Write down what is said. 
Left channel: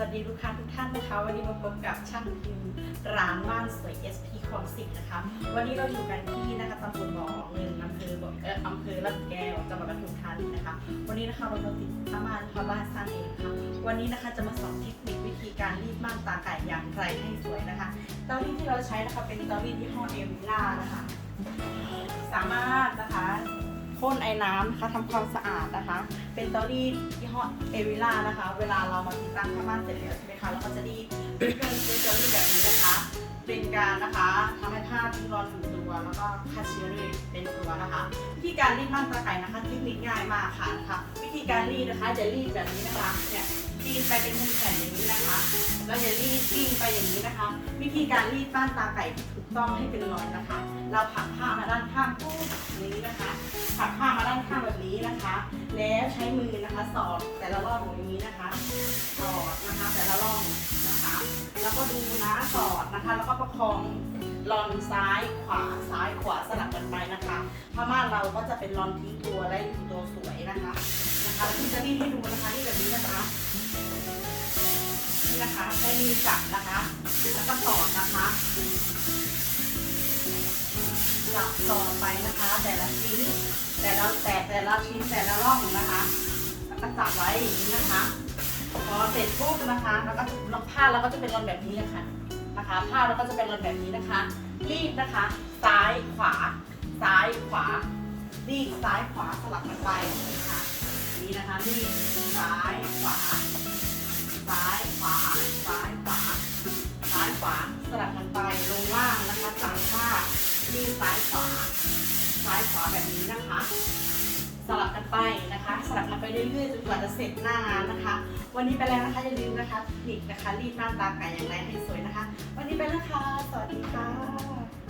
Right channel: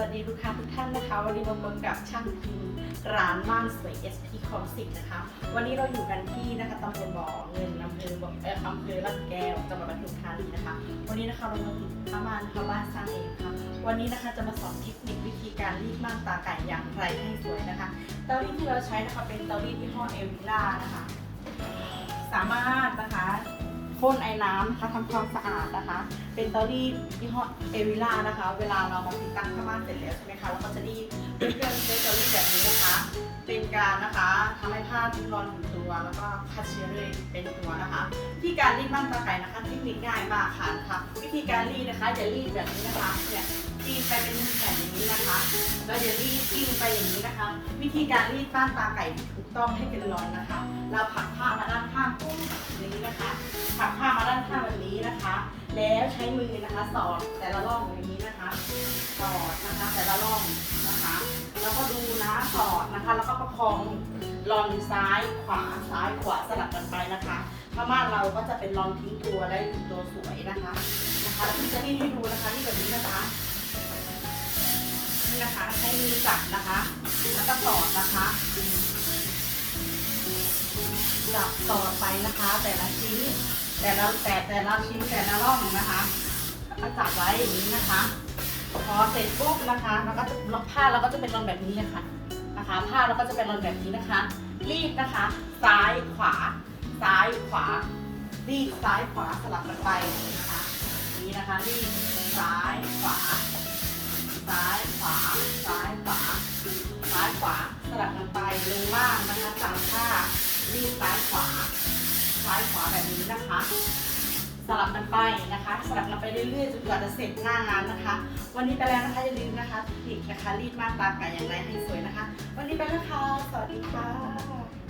วัสดีลูกค้าทุกท่านนะคะ วันนี้มาพบกับช่างพิมพ์ร้านม่านสวย SP คอมสิกนะคะ วันนี้เราอยู่กันที่นะคะตำบลบ่อเงินอำเภอบ่อเอ่ออำเภอลาดแก้วจังหวัดปทุมธานีนะคะ วันนี้นะคะเรามาติดผ้าม่านผ้าบ้านสร้างเองค่ะวันนี้นะคะจะมาสอนเทคนิควิธีการรีดม่านตาไก่อย่างไรให้สวยนะคะเตารีดที่เราใช้นะคะเป็นเตารีดยี่ห้อเอวิล่านะคะ สามารถนะคะ พ่นไอ้น้ำนะคะทำความสะอาดนะคะ เป็นเตารีดยี่ห้อเอวิล่านะคะ เวลาเรามาติดตั้งผ้าม่านเสร็จแล้วใช่ไหมคะเราก็จะรีดด้วยเครื่องใช้เตารีดแบบนี้นะคะ เป็นการนะคะทำให้ผ้าทิ้งรอนถึงตัว แล้วก็ฆ่าเชื้อเลยเป็นตัวนะคะวิธีการรีดม่านตาไก่นะคะเทคนิคง่ายมากค่ะนะคะวิธีการรีดนะคะจะรีดแบบนี้นะคะเนี่ยรีดไปเป็นแผ่นอย่างนี้นะคะแล้วจะรีดกิ้งไปอย่างนี้นะคะ วิธีการรีดม่านตาไก่ถูกต้องให้เป็นรอนนะคะ เราผัก ใช้มือนะคะสอดแต่ละร่องอย่างนี้นะคะสอดนะคะแต่ละร่องนะคะ แล้วก็ดูนะสอดนะคะ แล้วก็ประคองรอนซ้ายขวาซ้ายขวาสลับกันไปนะคะผ้าม่านเราก็จะเป็นรอนทิ้งตัวได้ตัวสวยนะคะนะคะแล้วพี่จะรีดให้ดูนะคะที่แบบนี้นะคะนี่นะคะใช้มือจับนะคะแล้วก็สอดนะคะจับต่อไปนะคะ แต่ละชิ้น แต่ละชิ้นแต่ละร่องนะคะ แล้วก็จับไว้อย่างนี้นะคะ พอเสร็จปุ๊บนะคะแล้วก็ล็อกผ้าเราก็จะเป็นรอนแบบนี้เลยค่ะนะคะ ผ้าเราก็จะเป็นรอนแบบนี้นะคะ รีดนะคะ ซ้ายขวา ซ้ายขวา รีดซ้ายขวาสลับกันไปนะคะนี่นะคะรีดซ้ายขวา ซ้ายขวา ซ้ายขวา ซ้ายขวาสลับกันไปลงล่างนะคะจับผ้ารีดซ้ายขวา ซ้ายขวาแบบนี้นะคะ สลับกันไปนะคะสลับกันไปเรื่อยๆจนกว่าจะเสร็จหน้างานนะคะ วันนี้ไปแล้วนะคะอย่าลืมนะคะเทคนิคนะคะรีดมากตาไก่อย่างไรให้สวยนะคะ วันนี้ไปแล้วค่ะสวัสดีค่ะ